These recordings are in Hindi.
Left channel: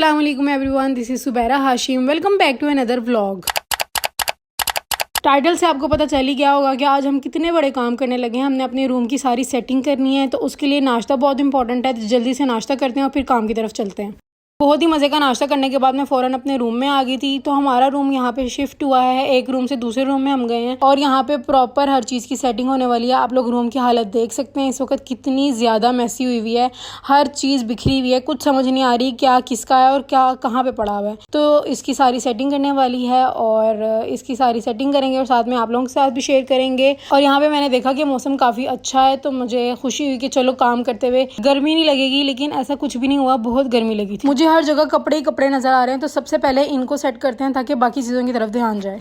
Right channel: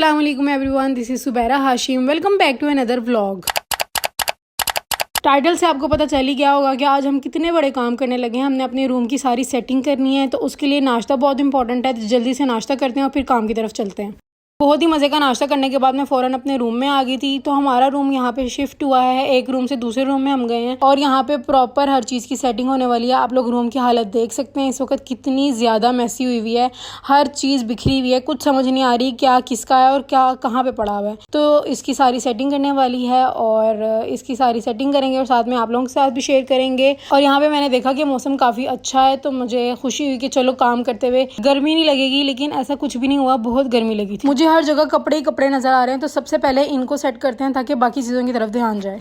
अस्सलाम वालेकुम everyone, this is Subaira Hashim. Welcome back to another vlog. Title से आपको पता चल ही गया होगा कि आज हम कितने बड़े काम करने लगे हैं। हमने अपने रूम की सारी सेटिंग करनी है, तो उसके लिए नाश्ता बहुत इंपॉर्टेंट है। तो जल्दी से नाश्ता करते हैं और फिर काम की तरफ चलते हैं। बहुत ही मज़े का नाश्ता करने के बाद मैं फ़ौरन अपने रूम में आ गई थी। तो हमारा रूम यहाँ पे शिफ्ट हुआ है, एक रूम से दूसरे रूम में हम गए हैं और यहाँ पे प्रॉपर हर चीज़ की सेटिंग होने वाली है। आप लोग रूम की हालत देख सकते हैं इस वक्त कितनी ज़्यादा मैसी हुई हुई है, हर चीज़ बिखरी हुई है, कुछ समझ नहीं आ रही क्या किसका है और क्या कहाँ पे पड़ा हुआ है। तो इसकी सारी सेटिंग करने वाली है और इसकी सारी सेटिंग करेंगे और साथ में आप लोगों के साथ भी शेयर करेंगे। और यहाँ पे मैंने देखा कि मौसम काफ़ी अच्छा है, तो मुझे खुशी हुई कि चलो काम करते हुए गर्मी नहीं लगेगी, लेकिन ऐसा कुछ भी नहीं हुआ, बहुत गर्मी लगी थी। मुझे हर जगह कपड़े कपड़े नजर आ रहे हैं, तो सबसे पहले इनको सेट करते हैं ताकि बाकी चीज़ों की तरफ ध्यान जाए।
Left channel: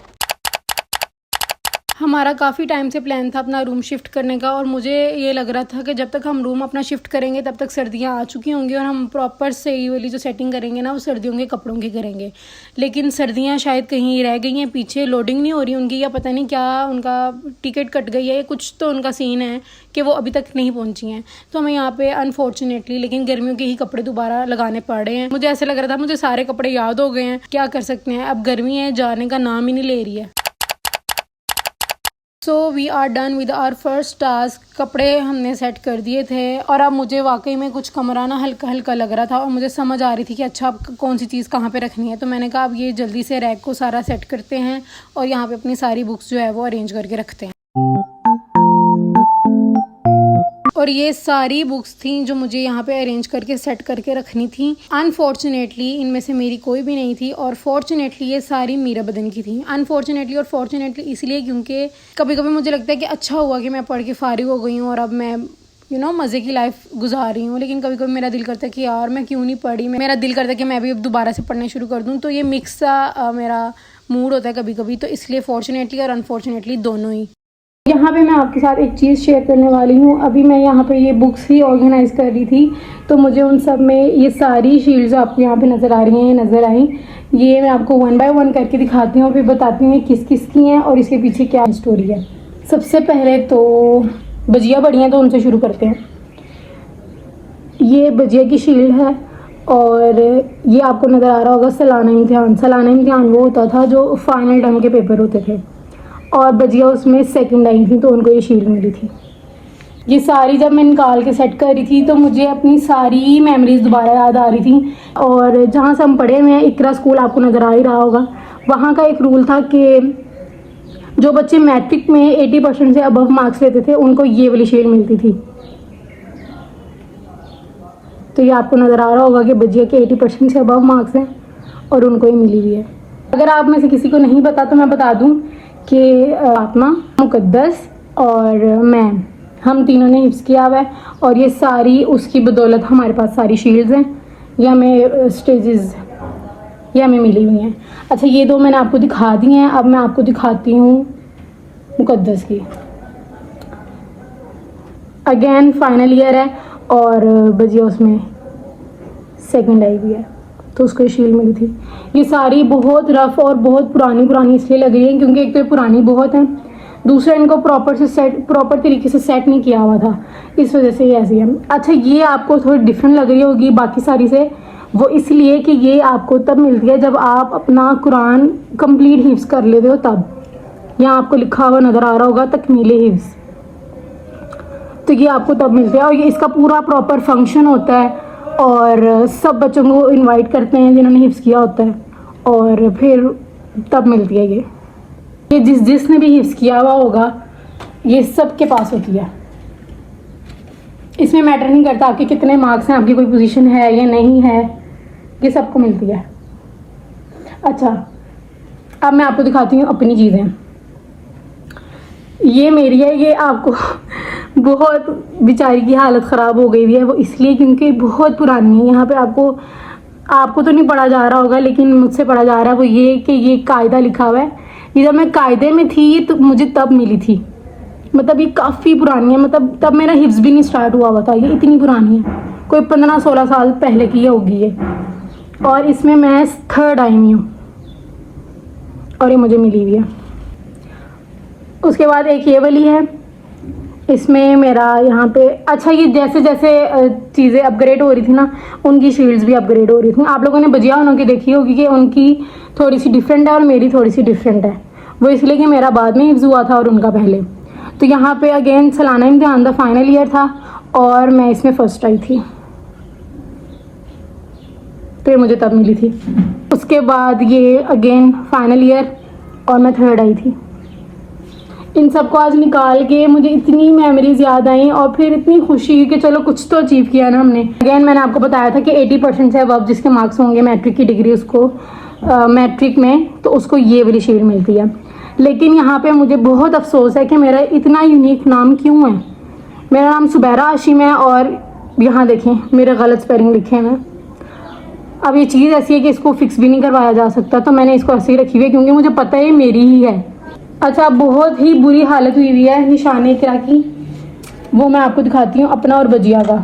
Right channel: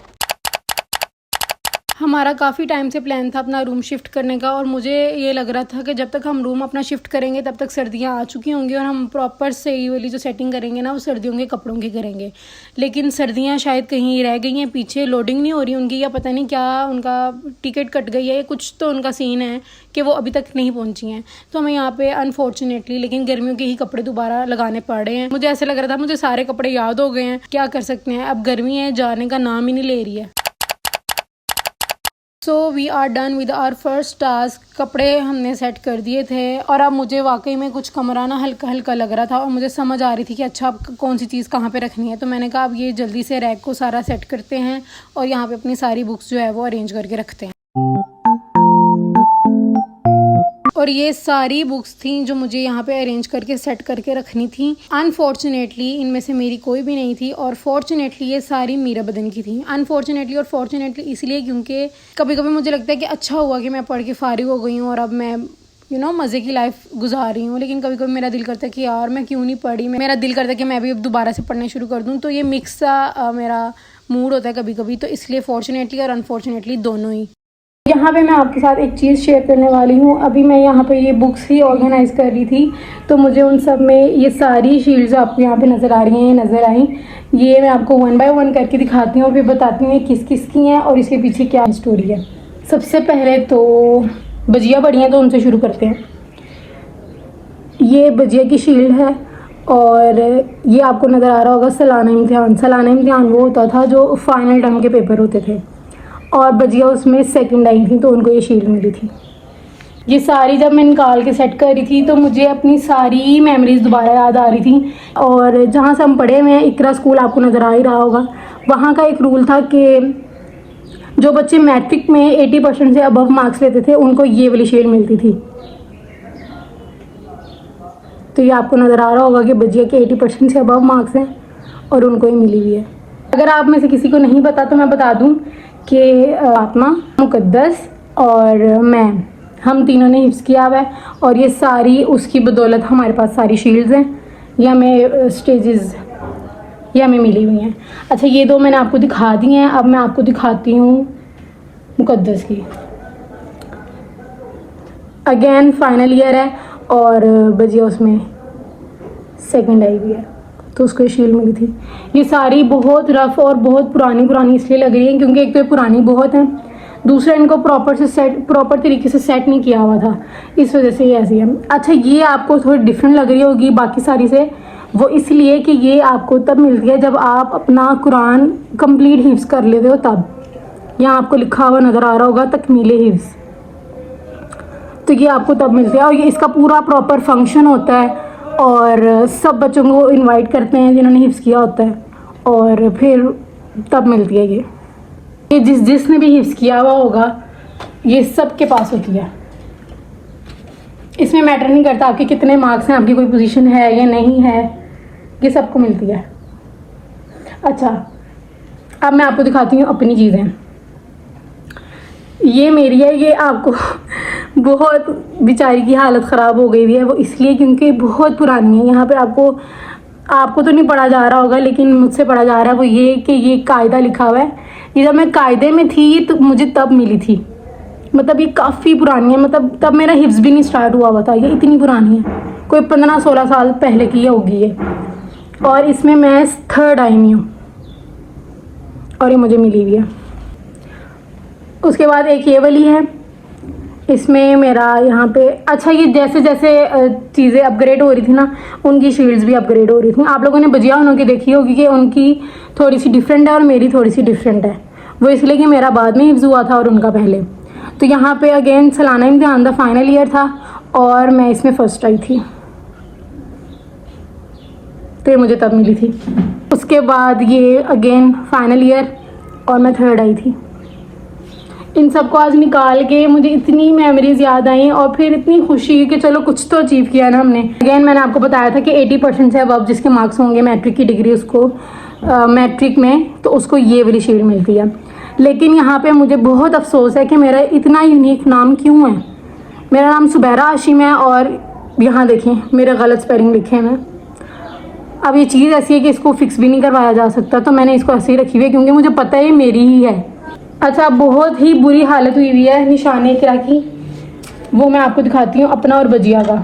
हमारा काफ़ी टाइम से प्लान था अपना रूम शिफ्ट करने का और मुझे ये लग रहा था कि जब तक हम रूम अपना शिफ्ट करेंगे तब तक सर्दियाँ आ चुकी होंगी और हम प्रॉपर सही वाली जो सेटिंग करेंगे ना वो सर्दियों के कपड़ों की करेंगे। लेकिन सर्दियाँ शायद कहीं रह गई हैं पीछे, लोडिंग नहीं हो रही उनकी, या पता नहीं क्या उनका टिकट कट गई है, कुछ तो उनका सीन है कि वो अभी तक नहीं पहुंची हैं। तो हमें यहाँ पे अनफॉर्चुनेटली लेकिन गर्मियों के ही कपड़े दोबारा लगाने पड़ रहे हैं। मुझे ऐसे लग रहा था मुझे सारे कपड़े याद हो गए हैं, क्या कर सकते हैं, अब गर्मी है जाने का नाम ही नहीं ले रही है। So we are done with our first task. कपड़े हमने सेट कर दिए थे और अब मुझे वाकई में कुछ कमरा ना हल्का हल्का लग रहा था और मुझे समझ आ रही थी कि अच्छा अब कौन सी चीज़ कहाँ पे रखनी है। तो मैंने कहा अब ये जल्दी से रैक को सारा सेट करते हैं और यहाँ पे अपनी सारी बुक्स जो है वो अरेंज करके रखते हैं। और ये सारी बुक्स थी जो मुझे यहाँ पे अरेंज करके सेट करके रखनी थी। अनफॉर्चुनेटली इनमें से मेरी कोई भी नहीं थी और फॉर्चुनेटली ये सारी मीरा बदन की थी। अनफॉर्चुनेटली और फॉर्चुनेटली इसलिए क्योंकि कभी कभी मुझे लगता है कि अच्छा हुआ कि मैं पढ़ के फारिग हो गई हूँ और अब मैं मज़े की लाइफ गुजार रही हूँ। लेकिन कभी कभी मेरा दिल करता है कि यार मैं क्यों नहीं पढ़ी, मेरा दिल करता है कि मैं भी अब दोबारा से पढ़ना शुरू कर दूँ। तो ये मिक्स सा मेरा मूड होता है कभी कभी, तो इसलिए फॉर्चुनेटली और अनफॉर्चुनेटली दोनों ही। यहाँ पे मैं आपके साथ एक चीज़ शेयर करने वाली हूँ। अभी मैं यहाँ पे ये बुक्स ही ऑर्गेनाइज कर रही थी, तो मुझे उन सब में ये सारी शीट्स आपको यहाँ पे नज़र आ रही हैं, ये नज़र आई। ये मैं आपको वन बाय वन करके दिखाती हूँ, फिर बताती हूँ किस किस की हैं और इसके पीछे क्या स्टोरी है। सबसे पहले तो भजिया बड़ी हैं, तो उनसे शुरू करते हैं। ये भजिया की शील्ड है और ये आपको नज़र आ रहा होगा सालाना इम्तिहान। सालाना इम्तिहान वो होता था जो फाइनल टर्म के पेपर होते थे और भजिया उसमें सेकंड आई थी, तो उनको ये शील्ड मिली थी। ये सारी जब मैं निकाल के सेट कर रही थी तो मुझे अपनी सारी मेमोरीज दोबारा याद आ रही थी। और जहाँ से हम पढ़े हुए हैं इकरा स्कूल आपको नज़र आ ही रहा होगा, वहाँ का एक रूल था कि जो बच्चे मैट्रिक में 80% से अबव मार्क्स लेते थे उनको ये वाली शील्ड मिलती थी। तो ये आपको नज़र आ रहा होगा कि भजिया के 80% से अबव मार्क्स हैं और उनको ही मिली हुई है। अगर आप में से किसी को नहीं पता तो मैं बता दूँ कि फातिमा, मुक़द्दस और मैं, हम तीनों ने हिफ्ज़ किया हुआ है और ये सारी उसकी बदौलत हमारे पास सारी शील्ड्स हैं। ये हमें स्टेजेस ये हमें मिली हुई हैं। अच्छा, ये दो मैंने आपको दिखा दी हैं, अब मैं आपको दिखाती हूँ मुक़द्दस की। अगेन फाइनल ईयर है और भजिया उसमें सेकेंड आई हुई है, तो उसको शील्ड मिली थी। ये सारी बहुत रफ और बहुत पुरानी इसलिए लगी है क्योंकि एक तो पुरानी बहुत है, दूसरा इनको प्रॉपर तरीके से सेट नहीं किया हुआ था, इस वजह से ये ऐसी है। अच्छा, ये आपको थोड़ी डिफरेंट लग रही होगी बाकी सारी से, वो इसलिए कि ये आपको तब मिलती है जब आप अपना कुरान कंप्लीट हिफ्ज़ कर लेते हो तब। यहाँ आपको लिखा हुआ नज़र आ रहा होगा तकमीले हिफ्ज़, तो ये आपको तब मिलते हैं और ये इसका पूरा प्रॉपर फंक्शन होता है और सब बच्चों को इनवाइट करते हैं जिन्होंने हिफ्ज़ किया होता है और फिर तब मिलती है ये जिसने भी हिफ्ज़ किया हुआ होगा ये सब के पास होती है। इसमें मैटर नहीं करता आपके कितने मार्क्स हैं, आपकी कोई पोजीशन है या नहीं है, ये सबको मिलती है। अच्छा, अब मैं आपको दिखाती हूँ अपनी चीज़ें। ये मेरी है, ये आपको बहुत बेचारी की हालत ख़राब हो गई हुई है, वो इसलिए क्योंकि बहुत पुरानी है। यहाँ पे आपको तो नहीं पढ़ा जा रहा होगा लेकिन मुझसे पढ़ा जा रहा है, वो ये कि ये कायदा लिखा हुआ है। ये जब मैं कायदे में थी ये तो मुझे तब मिली थी, मतलब ये काफ़ी पुरानी है, मतलब तब मेरा हिफ्ज़ भी नहीं स्टार्ट हुआ था, ये इतनी पुरानी है, कोई 15-16 साल पहले की होगी ये। और इसमें मैं थर्ड आई हूँ और ये मुझे मिली हुई है। उसके बाद एक ये वाली है, इसमें मेरा यहाँ पे अच्छा, ये जैसे जैसे चीज़ें अपग्रेड हो रही थी ना, उनकी शेड्स भी अपग्रेड हो रही थी। आप लोगों ने भजिया उनकी देखी होगी कि उनकी थोड़ी सी डिफरेंट है और मेरी थोड़ी सी डिफरेंट है। वो इसलिए कि मेरा बाद में यूज़ हुआ था और उनका पहले। तो यहाँ पे अगेन सलाना इम्तिहान का फाइनल ईयर था और मैं इसमें फर्स्ट आई थी, तो ये मुझे तब मिली थी। उसके बाद ये अगेन फाइनल ईयर और मैं थर्ड आई थी। इन सबको आज निकाल के मुझे इतनी मेमोरीज याद आई और फिर इतनी खुशी हुई कि चलो कुछ तो अचीव किया ना हमने। अगेन मैंने आपको बताया था कि 80% से अब जिसके मार्क्स होंगे मैट्रिक की डिग्री, उसको मैट्रिक में, तो उसको ये वाली शील्ड मिलती है। लेकिन यहाँ पे मुझे बहुत अफसोस है कि मेरा इतना यूनिक नाम क्यों है। मेरा नाम सुबैरा हाशिम है और यहाँ देखिए मेरा गलत स्पेलिंग लिखे हैं। अब ये चीज़ ऐसी है कि इसको फिक्स भी नहीं करवाया जा सकता, तो मैंने इसको ऐसे ही रखी हुई है क्योंकि मुझे पता है ये मेरी ही है। अच्छा, बहुत ही बुरी हालत हुई हुई है निशाने क्या की, वो मैं आपको दिखाती हूँ, अपना और भजिया का।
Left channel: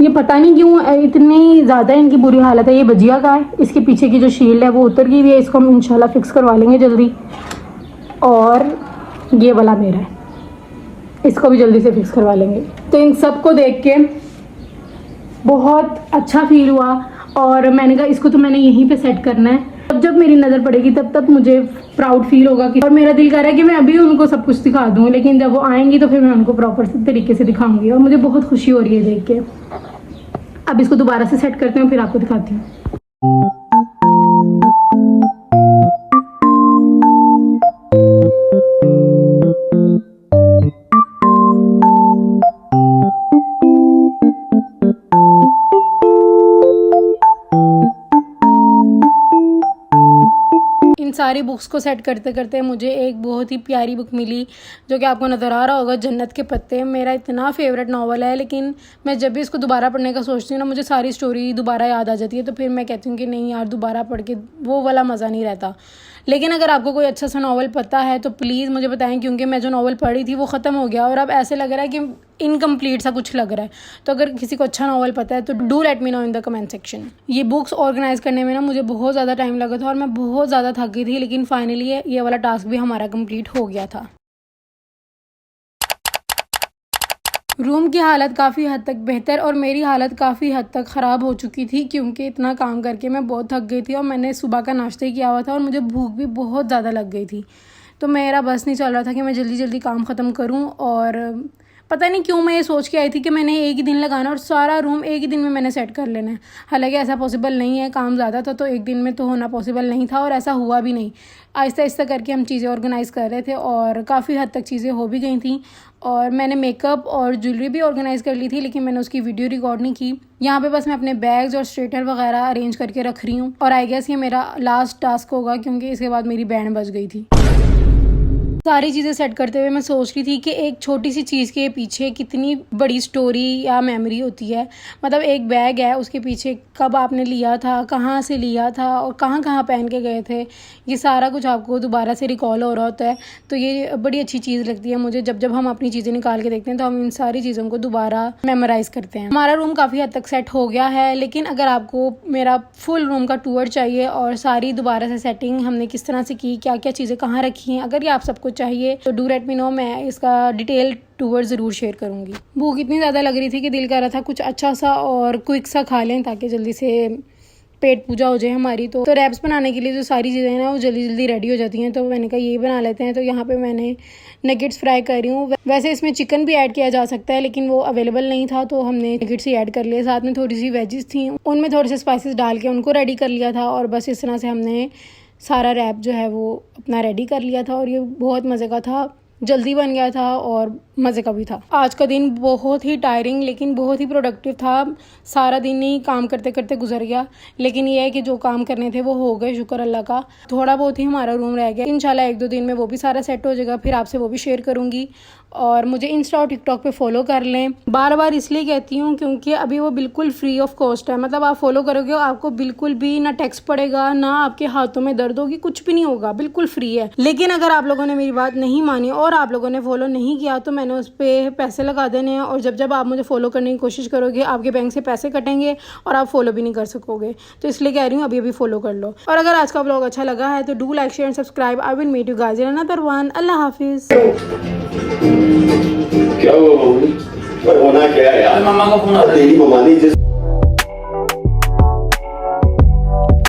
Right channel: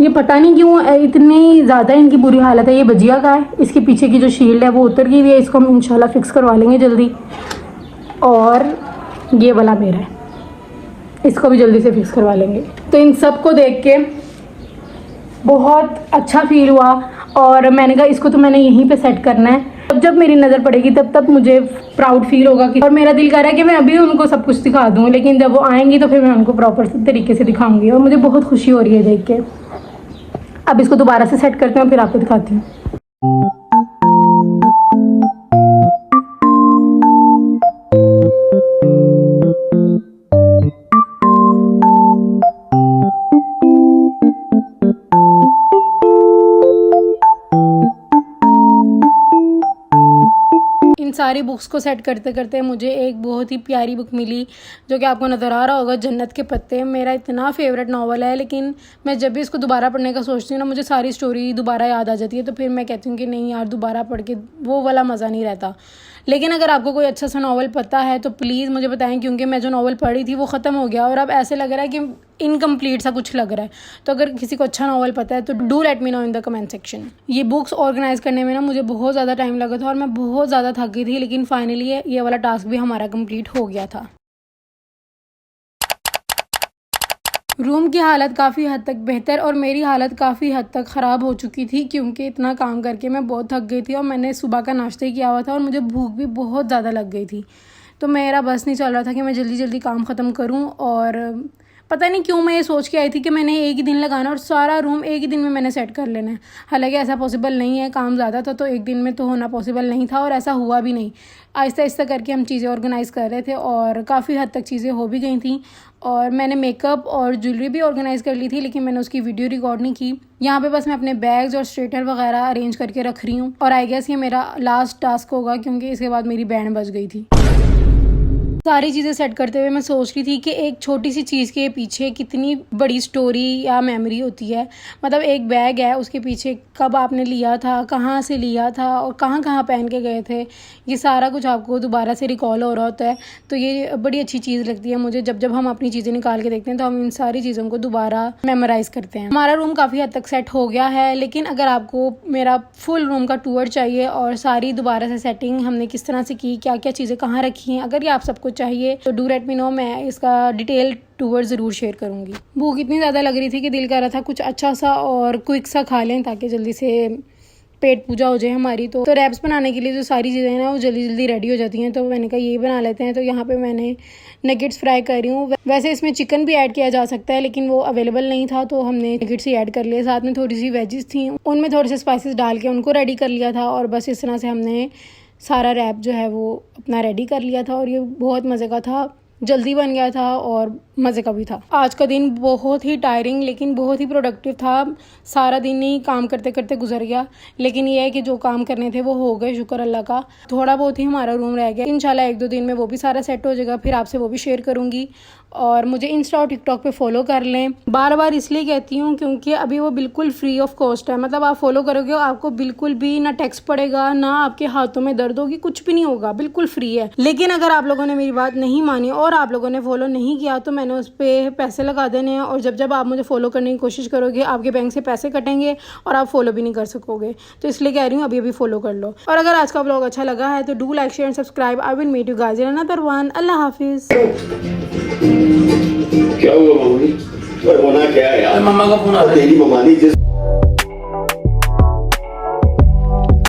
ये पता नहीं क्यों इतनी ज़्यादा इनकी बुरी हालत है। ये भजिया का है, इसके पीछे की जो शील्ड है वो उतर गई हुई है, इसको हम इंशाल्लाह फिक्स करवा लेंगे जल्दी। और ये वाला मेरा है, इसको भी जल्दी से फिक्स करवा लेंगे। तो इन सबको देख के बहुत अच्छा फील हुआ और मैंने कहा इसको तो मैंने यहीं पे सेट करना है। जब मेरी नज़र पड़ेगी तब मुझे प्राउड फील होगा कि, और मेरा दिल कर रहा है कि मैं अभी उनको सब कुछ दिखा दूँ, लेकिन जब वो आएंगी तो फिर मैं उनको प्रॉपर तरीके से दिखाऊंगी और मुझे बहुत खुशी हो रही है देख के। अब इसको दोबारा से सेट करते हैं फिर आपको दिखाती हूँ। सारी बुक्स को सेट करते करते मुझे एक बहुत ही प्यारी बुक मिली जो कि आपको नज़र आ रहा होगा, जन्नत के पत्ते। मेरा इतना फेवरेट नावल है, लेकिन मैं जब भी इसको दोबारा पढ़ने का सोचती हूँ ना, मुझे सारी स्टोरी दोबारा याद आ जाती है। तो फिर मैं कहती हूँ कि नहीं यार, दोबारा पढ़ के वो वाला मज़ा नहीं रहता। लेकिन अगर आपको कोई अच्छा सा नावल पता है तो प्लीज़ मुझे बताएं, क्योंकि मैं जो नावल पढ़ी थी वो ख़त्म हो गया और अब ऐसे लग रहा है कि इनकम्प्लीट सा कुछ लग रहा है। तो अगर किसी को अच्छा नावल पता है तो do let me know in the comment section. ये बुक्स ऑर्गेनाइज करने में ना मुझे बहुत ज़्यादा टाइम लगा था और मैं बहुत ज़्यादा थक गई थी, लेकिन फाइनली ये वाला टास्क भी हमारा कंप्लीट हो गया था। रूम की हालत काफ़ी हद तक बेहतर और मेरी हालत काफ़ी हद तक ख़राब हो चुकी थी, क्योंकि इतना काम करके मैं बहुत थक गई थी और मैंने सुबह का नाश्ता ही किया हुआ था और मुझे भूख भी बहुत ज़्यादा लग गई थी। तो मेरा बस नहीं चल रहा था कि मैं जल्दी जल्दी काम ख़त्म करूं और पता नहीं क्यों मैं ये सोच के आई थी कि मैंने एक ही दिन लगाना और सारा रूम एक ही दिन में मैंने सेट कर लेना है। हालांकि ऐसा पॉसिबल नहीं है, काम ज़्यादा था तो एक दिन में तो होना पॉसिबल नहीं था और ऐसा हुआ भी नहीं। आहिस्ता आहिस्ता करके हम चीज़ें ऑर्गेनाइज़ कर रहे थे और काफ़ी हद तक चीज़ें हो भी गई थी और मैंने मेकअप और ज्वेलरी भी ऑर्गेनाइज़ कर ली थी, लेकिन मैंने उसकी वीडियो रिकॉर्ड नहीं की। यहाँ पे बस मैं अपने बैग्स और स्ट्रेटनर वगैरह अरेंज करके रख रही हूँ और आई गेस ये मेरा लास्ट टास्क होगा, क्योंकि इसके बाद मेरी बैंड बज गई थी। सारी चीज़ें सेट करते हुए मैं सोच रही थी कि एक छोटी सी चीज़ के पीछे कितनी बड़ी स्टोरी या मेमोरी होती है। मतलब एक बैग है, उसके पीछे कब आपने लिया था, कहाँ से लिया था और कहाँ कहाँ पहन के गए थे, ये सारा कुछ आपको दोबारा से रिकॉल हो रहा होता है। तो ये बड़ी अच्छी चीज़ लगती है मुझे, जब हम अपनी चीज़ें निकाल के देखते हैं तो हम इन सारी चीज़ों को दोबारा मेमोराइज़ करते हैं। हमारा रूम काफ़ी हद तक सेट हो गया है, लेकिन अगर आपको मेरा फुल रूम का टूर चाहिए और सारी दोबारा से सेटिंग हमने किस तरह से की, क्या क्या चीज़ें कहाँ रखी हैं, अगर ये आप सबको चाहिए तो डू लेट मी नो, मैं इसका डिटेल टूर ज़रूर शेयर करूँगी। भूख इतनी ज़्यादा लग रही थी कि दिल कर रहा था कुछ अच्छा सा और क्विक सा खा लें ताकि जल्दी से पेट पूजा हो जाए हमारी। तो रैप्स बनाने के लिए जो सारी चीज़ें हैं ना वो जल्दी जल्दी रेडी हो जाती हैं, तो मैंने कहा यही बना लेते हैं। तो यहाँ पे मैंने नगेट्स फ्राई कर रही हूँ। वैसे इसमें चिकन भी ऐड किया जा सकता है, लेकिन वो अवेलेबल नहीं था तो हमने नगेट्स ही ऐड कर लिए। साथ में थोड़ी सी वेजिस थी, उनमें थोड़े से स्पाइसेस डाल के उनको रेडी कर लिया था और बस इस तरह से हमने सारा रैप जो है वो अपना रेडी कर लिया था और ये बहुत मज़े का था, जल्दी बन गया था और मज़े का भी था। आज का दिन बहुत ही टायरिंग लेकिन बहुत ही प्रोडक्टिव था। सारा दिन ही काम करते करते गुजर गया, लेकिन ये है कि जो काम करने थे वो हो गए, शुक्र अल्लाह का। थोड़ा बहुत ही हमारा रूम रह गया, इंशाल्लाह 1-2 दिन में वो भी सारा सेट हो जाएगा, फिर आपसे वो भी शेयर करूँगी। और मुझे इंस्टा और टिकटॉक पे फॉलो कर लें। बार बार इसलिए कहती हूँ क्योंकि अभी वो बिल्कुल फ्री ऑफ कॉस्ट है। मतलब आप फॉलो करोगे आपको बिल्कुल भी ना टैक्स पड़ेगा, ना आपके हाथों में दर्द होगी, कुछ भी नहीं होगा, बिल्कुल फ्री है। लेकिन अगर आप लोगों ने मेरी बात नहीं मानी और आप लोगों ने फॉलो नहीं किया तो मैंने उस पर पैसे लगा देने हैं और जब आप मुझे फॉलो करने की कोशिश करोगे आपके बैंक से पैसे कटेंगे और आप फॉलो भी नहीं कर सकोगे। तो इसलिए कह रही हूँ अभी फॉलो कर लो। और अगर आज का व्लॉग अच्छा लगा है तो do like share and subscribe. I will meet you guys in another one. अल्लाह हाफिज़। क्या हुआ मम्मी? होना क्या है यार? मम्मा को फोन आ रहा है। तेरी मम्मा ने जिस